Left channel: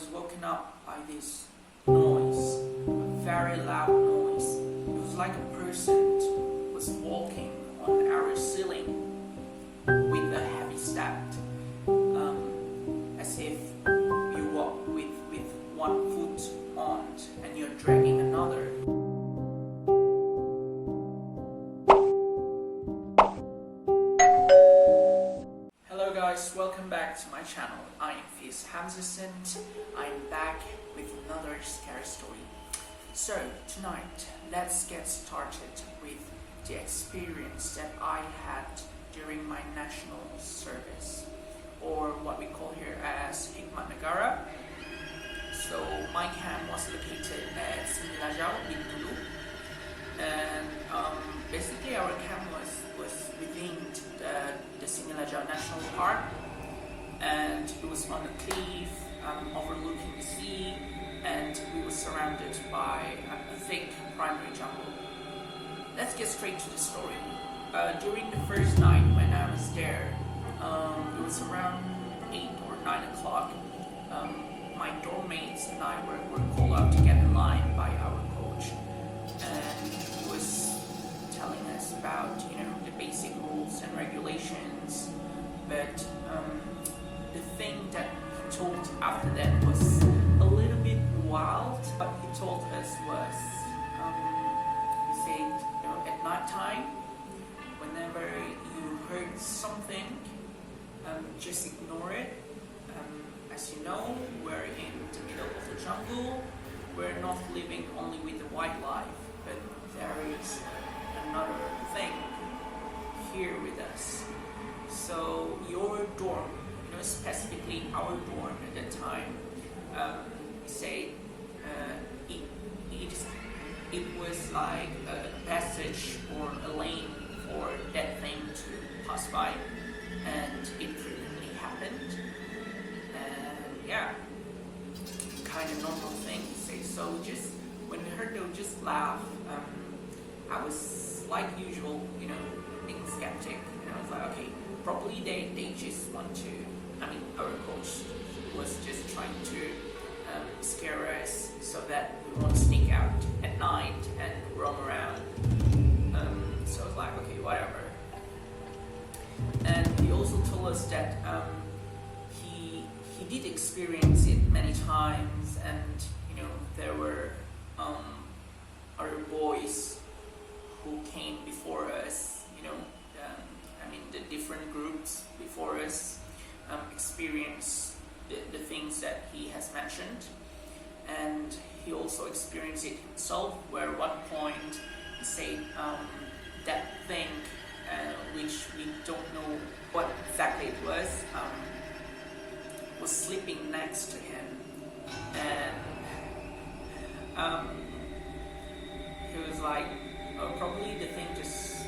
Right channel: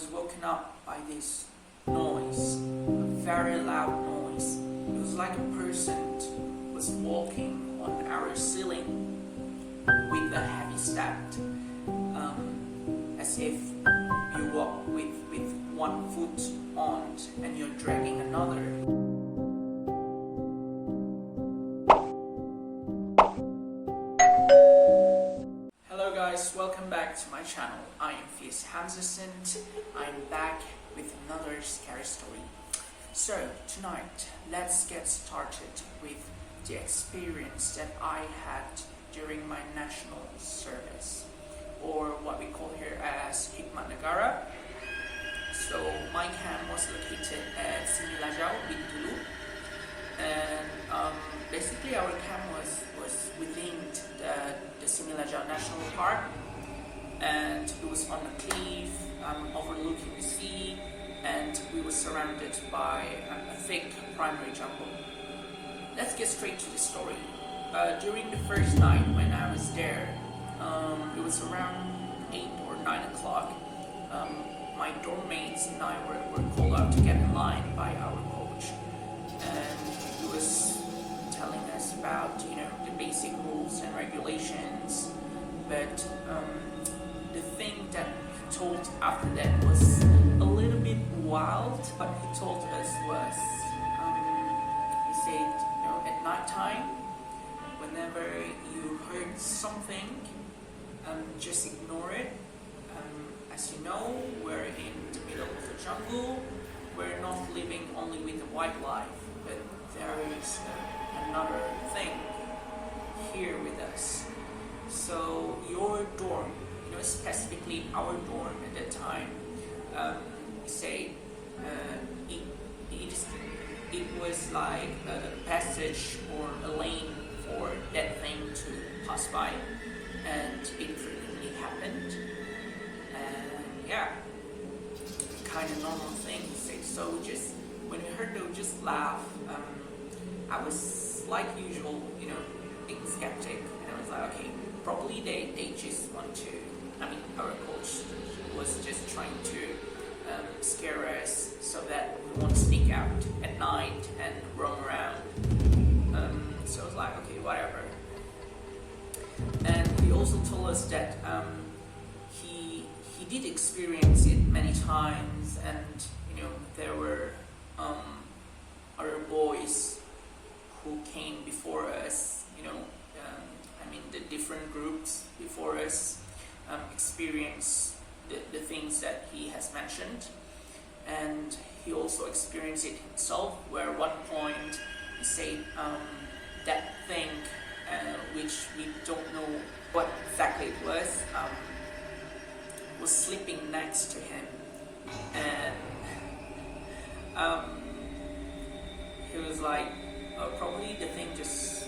was woken up by this noise, a very loud noise. It was like a person was walking on our ceiling with a heavy step, as if you walk with one foot on and you're dragging another. Hello guys, welcome back to my channel. I am Fierce Hamzason. I'm back with another scary story. So tonight, let's get started with the experience that I had during my national service, or what we call here as Hikmat Negara. So my camp was located at Similajau, Bintulu, and basically our camp was within the Similajau National Park, and it was on a cliff overlooking the sea, and we were surrounded by a thick primary jungle. Let's get straight to the story. During the first night when I was there, it was around 8 or 9 o'clock. My dorm mates and I were called out to get in line by our coach, and he was telling us about the basic rules and regulations, but the thing that he told after that was a little bit wild. What he told us was, he said, at night time, whenever you heard something, just ignore it. As you know, we're in the middle of the jungle. We're not living only with the wildlife, but there is another thing here with us. So your dorm, specifically our dorm at that time, he said it was like a passage or a lane for that thing to pass by, and it frequently happened. And yeah, kind of normal thing, he said. So when we heard, they would just laugh. I was like usual, being skeptic, and I was like, okay, probably they just want to. Our coach was just trying to scare us so that we won't sneak out at night and roam around. So I was like, okay, whatever. And he also told us that he did experience it many times, and there were other boys who came before us. The different groups before us experienced the things that he has mentioned, and he also experienced it himself, where at one point he said that thing, which we don't know what exactly it was sleeping next to him, and he was like, oh, probably the thing just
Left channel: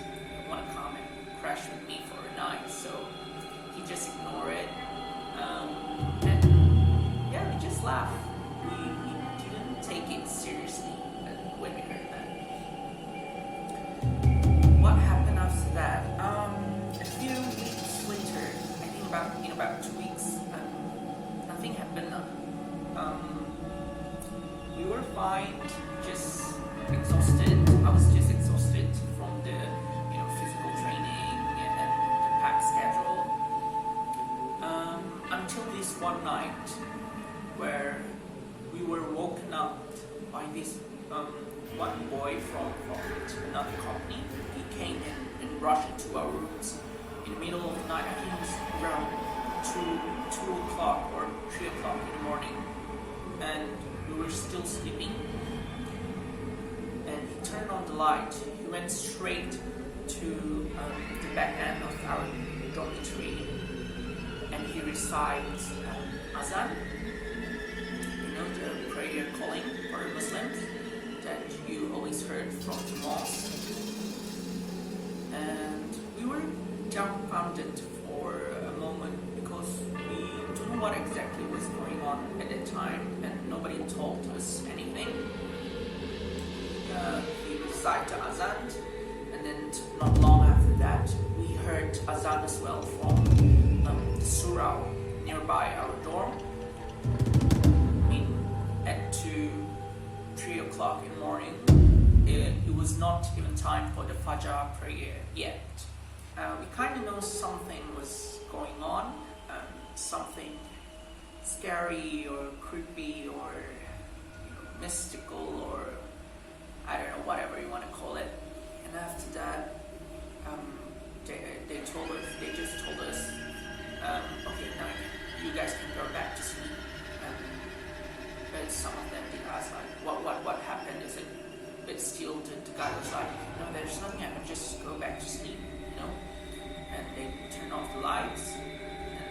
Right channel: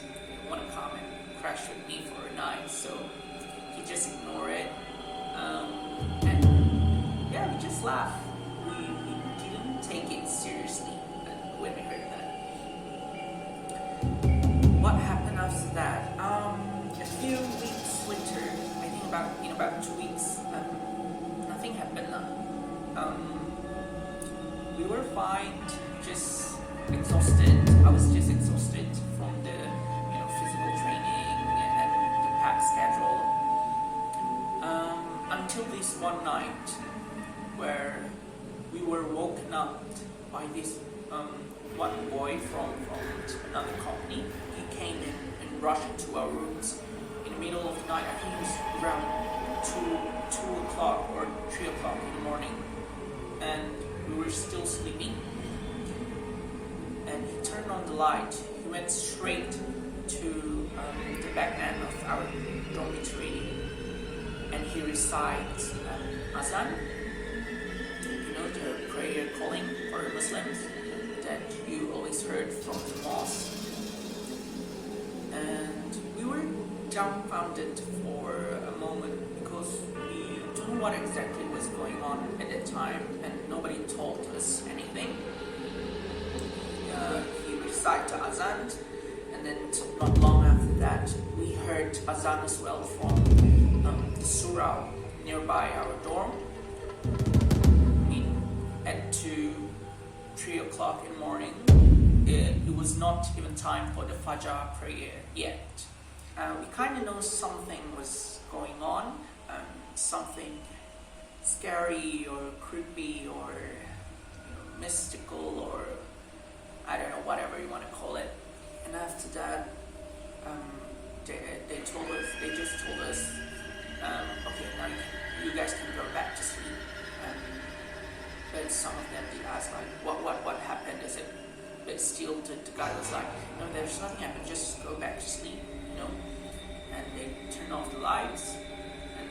want to come and crash with me for a night, so he just ignored it, and yeah, we just laughed. We didn't take it seriously when we heard that. What happened after that? A few weeks later, I think about 2 weeks, nothing happened. We were fine, just exhausted. I was just exhausted from the physical training and the packed schedule. Until this one night where we were woken up by this one boy from another company. He came in and rushed into our rooms in the middle of the night. I think it was around 2 o'clock or 3 o'clock in the morning, and we were still sleeping. And he turned on the light. He went straight to the back end of our dormitory, and he recites azan, the prayer calling for Muslims that you always heard from the mosque. And we were dumbfounded for a moment, because we don't know what exactly was going on at that time, and nobody told us anything. He recited the azan, and then not long after that, we heard azan as well from the surau nearby our dorm. o'clock in the morning. It was not even time for the Fajr prayer yet. We kind of know something was going on, something scary or creepy or mystical, or I don't know, whatever you want to call it. And after that, they just told us, okay, now you guys can go back to sleep. But some of them did ask, like, what happened? Is it? But still, the guy was like, no, there's nothing happened. Just go back to sleep, And they turned off the lights, and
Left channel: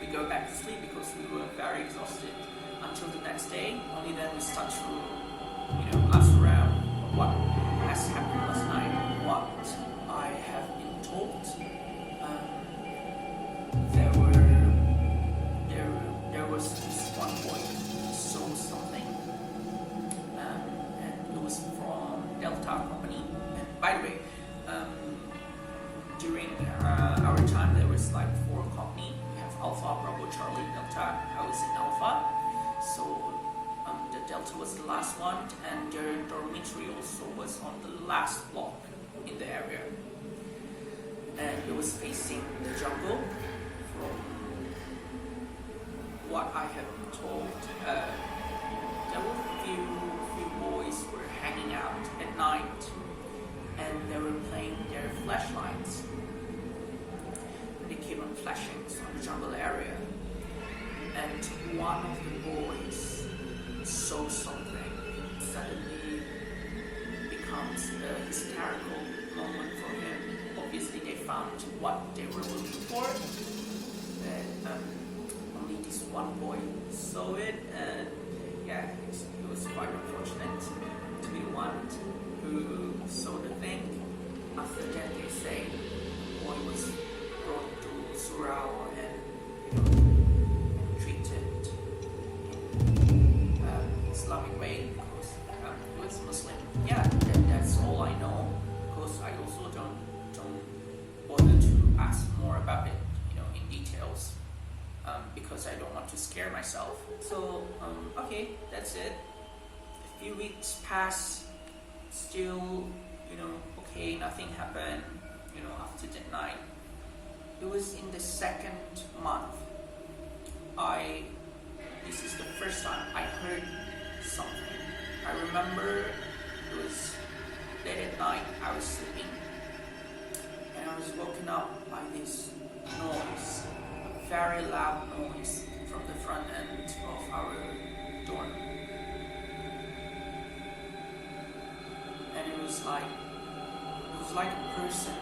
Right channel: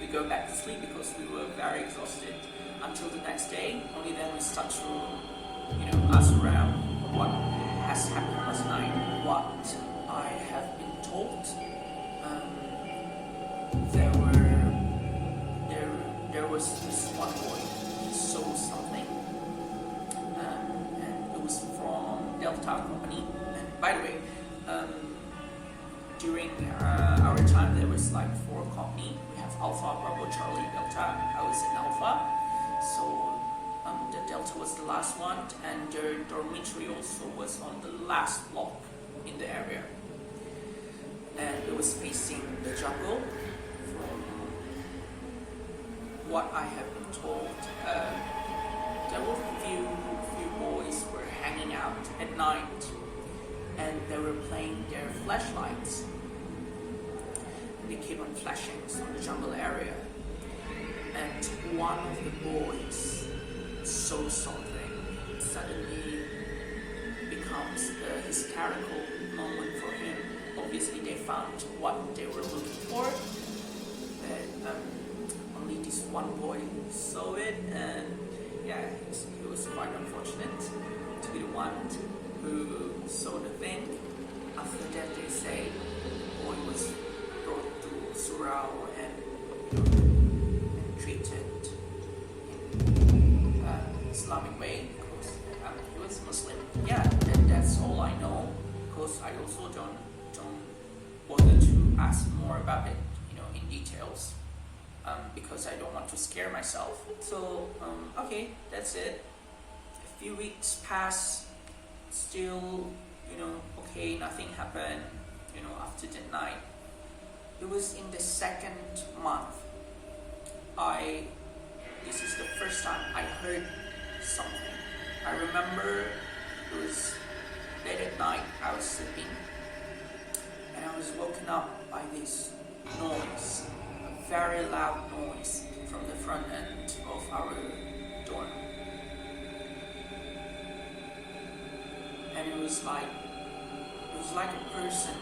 we go back to sleep because we were very exhausted. Until the next day, only then we start to, ask around what has happened last night. What I have been told, there was this one boy who saw something, and it was from Delta company. And by the way, during our time there was like 4 company. We have Alpha, Bravo, Charlie, Delta. I was in Alpha, so the Delta was the last one, and their dormitory also was on the last block in the area, and it was facing the jungle. From what I have been told, there were few boys were hanging out at night, and they were playing their flashlights. They keep on flashing on the jungle area, and one of the boys saw something. Suddenly becomes a hysterical moment for him. Obviously they found what they were looking for, but only this one boy saw it, and yeah, it was quite unfortunate to be the one who saw the thing. After that, they say the boy was brought to Surau and treated in Islamic way because he was Muslim. Yeah, that's all I know, because I also don't bother to ask more about it, in details, because I don't want to scare myself. So okay, that's it. A few weeks pass, still, okay, nothing happened, after the night. It was in the 2nd month. This is the first time I heard something. I remember it was late at night, I was sleeping, and I was woken up by this noise, a very loud noise from the front end of our dorm. And it was like a person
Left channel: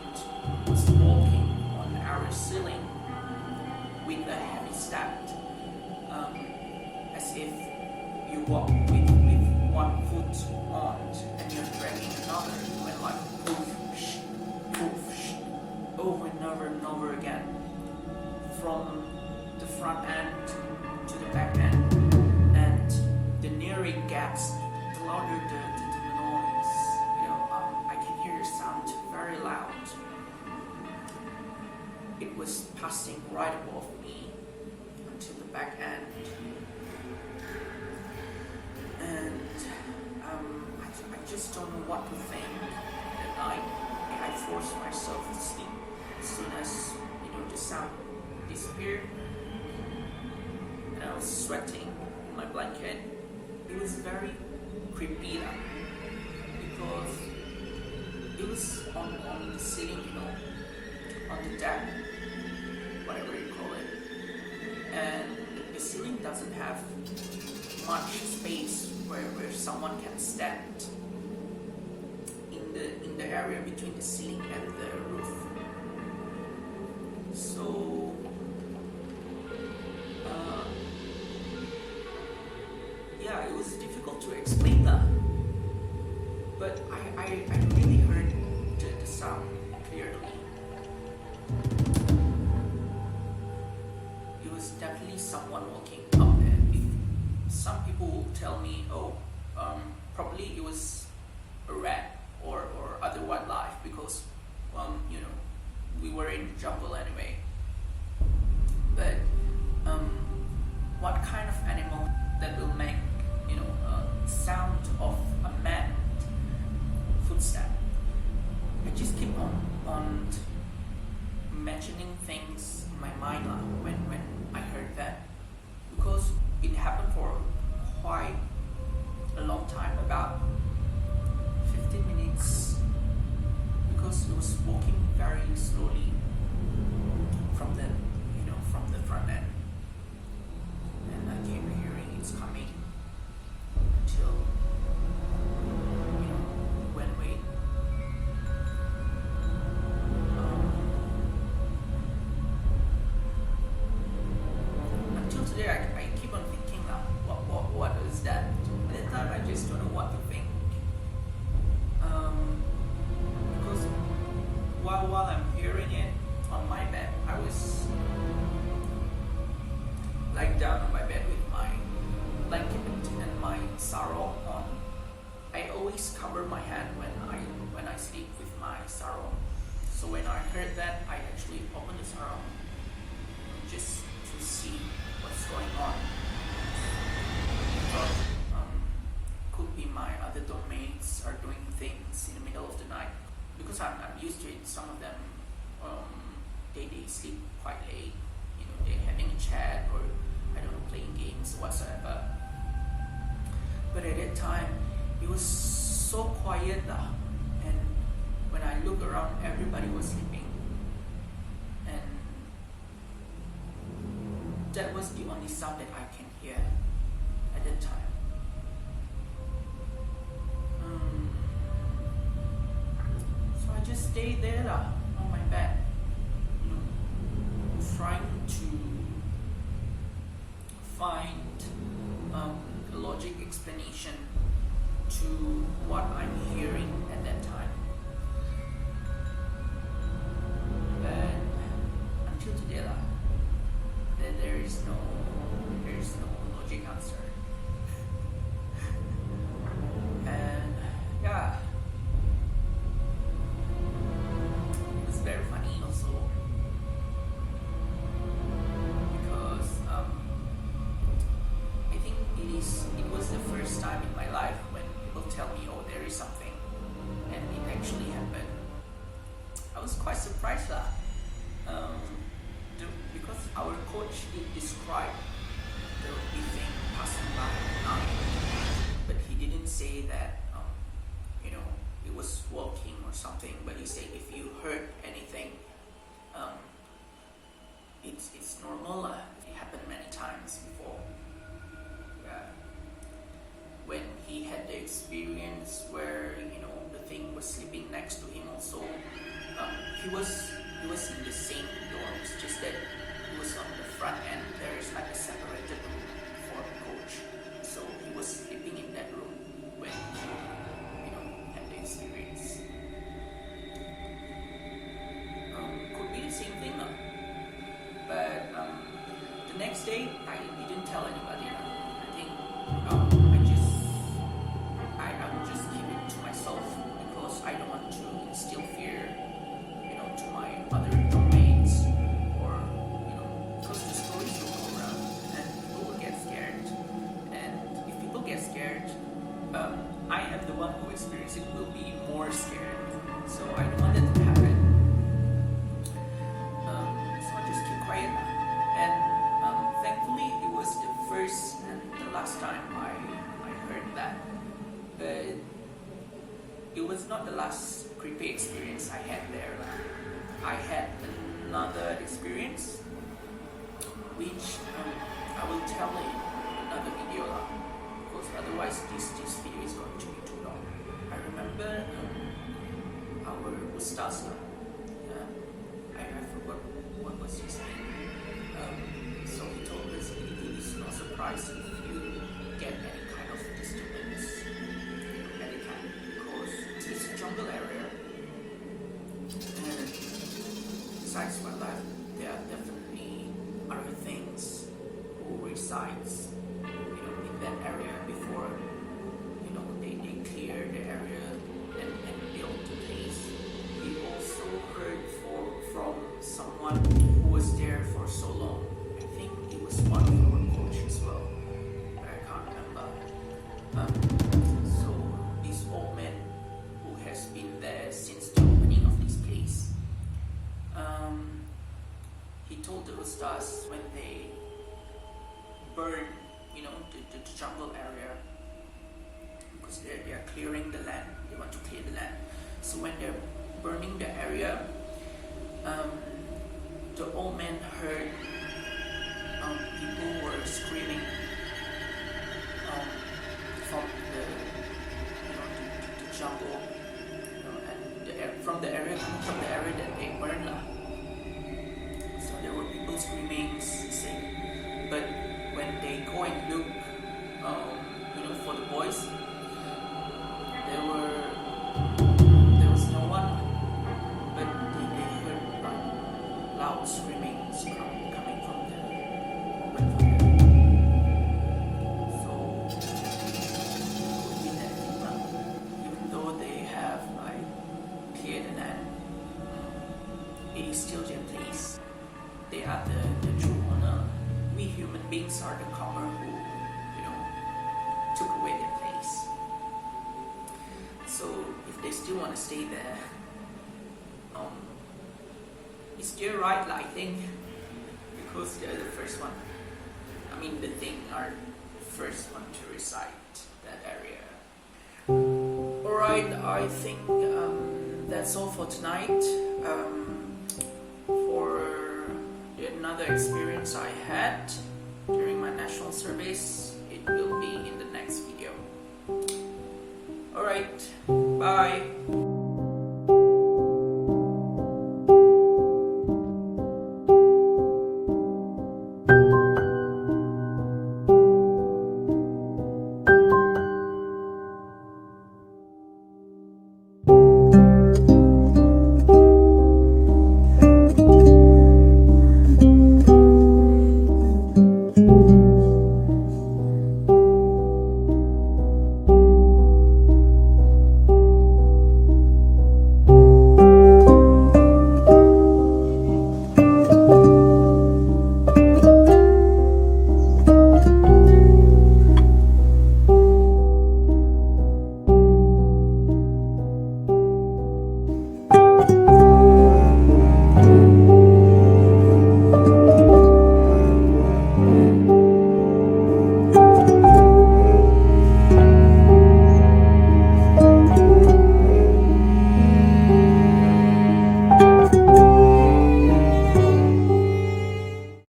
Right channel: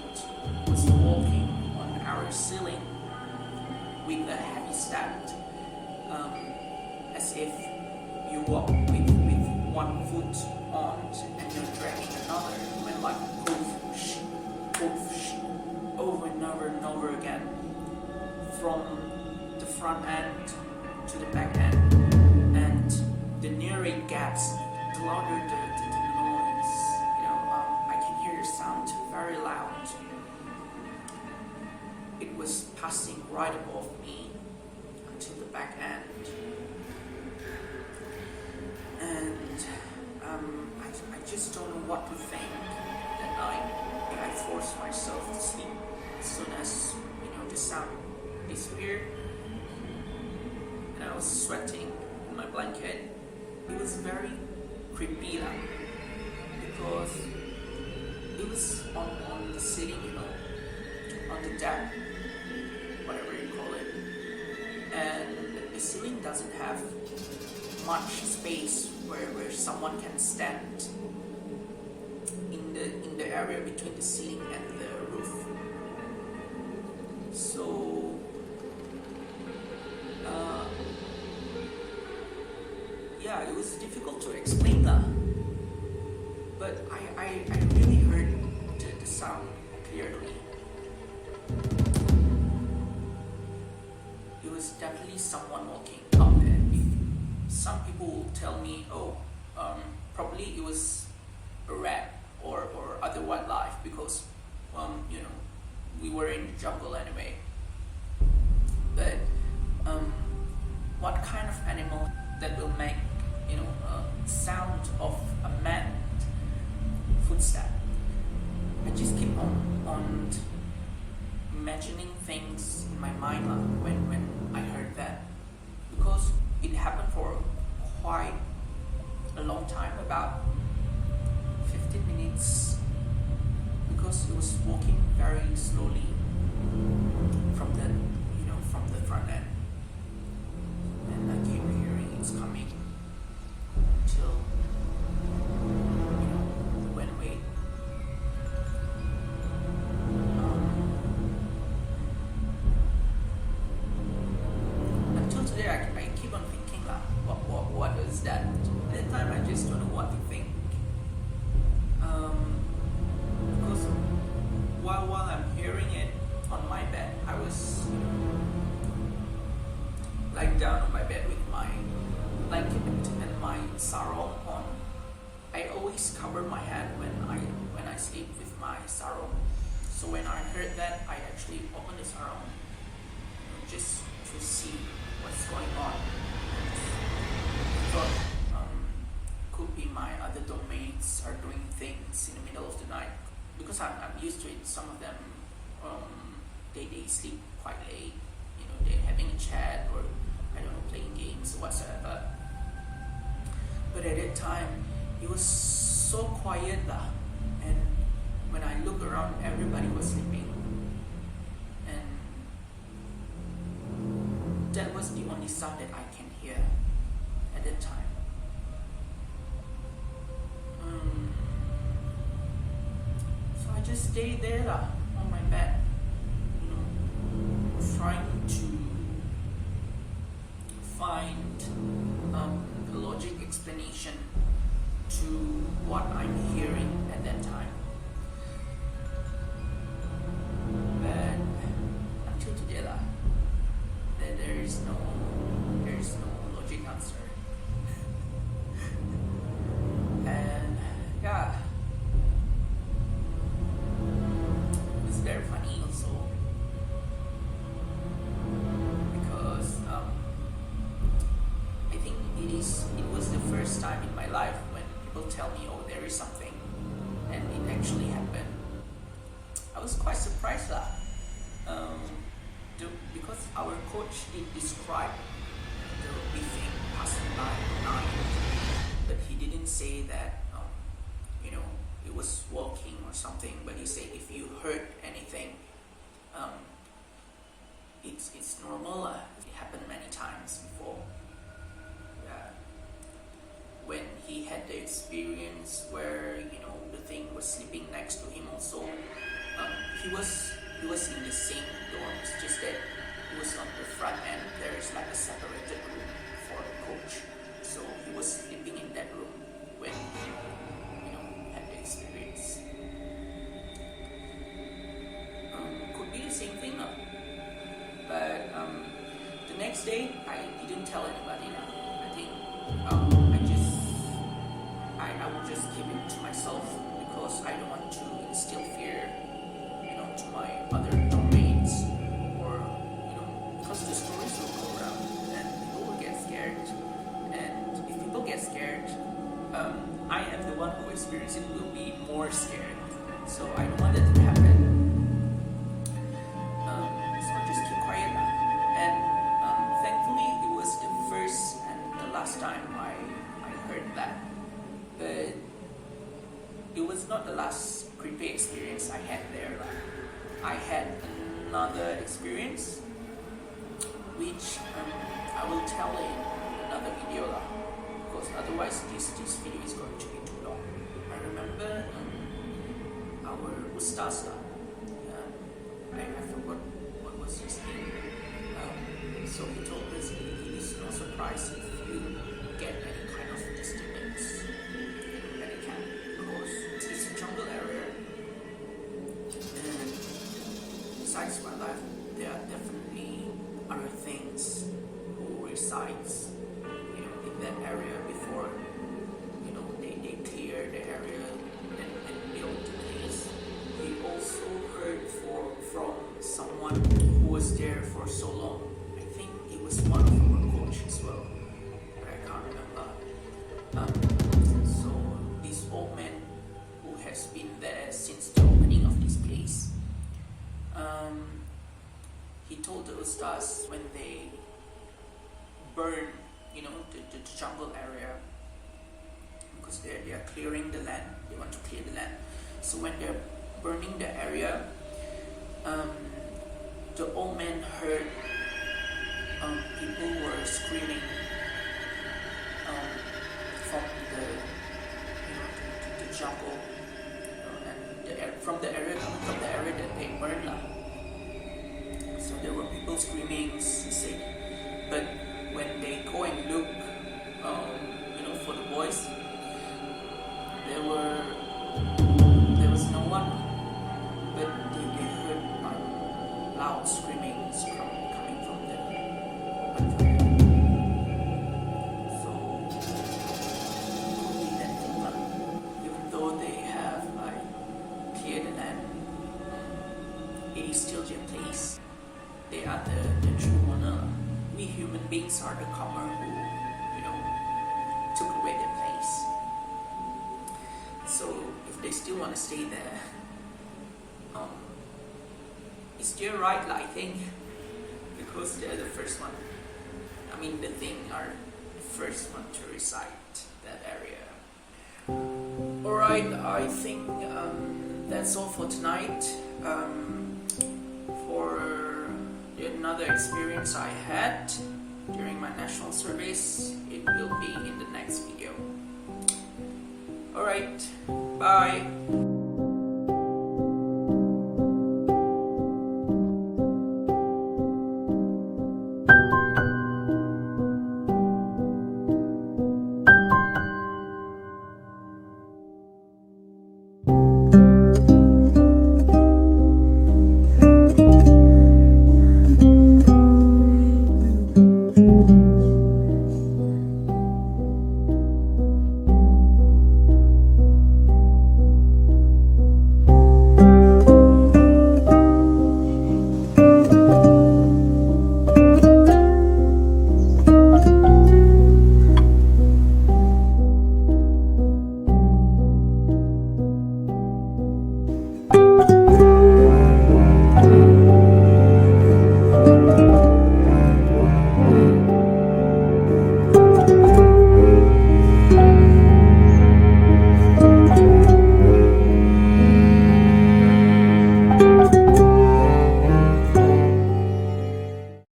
was walking on our ceiling with a heavy step, as if you walk with one foot on and you're dragging another. It went like poof, sh, poof, sh, over and over again, from the front end to the back end. And the nearer it gets, the louder the noise. I can hear the sound very loud. It was passing right above me until the back end. And I just don't know what to think that night. I forced myself to sleep as soon as the sound disappeared, and I was sweating in my blanket. It was very creepy because it was on the ceiling, on the deck, whatever you call it, and the ceiling doesn't have much space where someone can stand in the area between the ceiling and the roof. So yeah, it was difficult to explain that, but I really heard the sound clearly. It was definitely someone walking up, and some people will tell me, probably it was a rat or other wildlife, because we were in the jungle anyway. But what kind of animal that will make sound of a quite a long time, about 15 minutes, because he was walking very slowly from the front end, and I keep hearing it's coming until it went away. Until today, I keep on thinking what is that? At that time, I just don't know what to think. Because while I'm hearing it on my bed, I was lying down on my bed with my blanket and my sarong on. I always cover my head when I sleep with my sarong. So when I heard that, I actually opened the sarong just to see what's going on. I thought could be my other doormates are doing things in the middle of the night, because I'm used to it. Some of them they sleep quite late. They're having a chat, or I don't know, playing games or whatsoever. But at that time, it was so quiet, and when I look around, everybody was sleeping, and that was the only sound that I can hear at that time. So I just stayed there on my bed, trying to find a logic explanation to what I'm hearing at that time. But until today, there is no logic answer. And yeah, it was very funny also, because I think it was the first time in my life when people tell me, oh, there is something, and it actually happened. I was quite surprised because our coach did describe the thing passing by at night, but he didn't say that it was walking or something. But he said if you heard anything, it's normal. It happened many times before. When he had the experience where the thing was sleeping next to him also, he was in the same dorm. It's just that he was on the front end. There is like a separated room for the coach, so he was sleeping in that room when he had the experience. Could be the same thing, but the next day I didn't tell anybody. I think I will just keep it to myself, because I don't want to instill fear, to my other doormates, or because the stories will go around and people will get scared. And if people get scared, I am the one who experiences it will be more scared. So I don't want that to happen. So I just keep quiet now. And thankfully, it was the first and the last time I heard that. But it was not the last creepy experience I had there. I had another experience, which I will tell in another video, because otherwise this video is going to be too long. I remember our Ustaz, I forgot what was his name. So he told us it is no surprise if you get any kind of disturbance at the camp, because it's a jungle area, and besides wildlife, there are definitely other things who resides in that area before they clear the area and build the place. He also heard from someone who was there for so long. I think it was one of our coaches as well, but I can't remember. So this old man who has been there since the opening of this place, he told the Ustaz when they burn the jungle area, because they are clearing the land. They want to clear the land. So when they're burning the area, the old man heard people were screaming from the jungle, and from the area, coming from the area that they burned lah. So there were people screaming, he said. But when they go and look, for the boys, there was no one, but they heard like loud screamings coming from the open fire. So it could be that thing lah. Even though they have like cleared the land, it is still their place. They are the true owner. We human beings are the comer who, took away their place. So if they still want to stay there, it's their right, I think, because they're the first one. I mean, the thing are the first one to reside that area. Alright, I think that's all for tonight. For another experience I had during my national service, it will be in the next video. Alright, bye.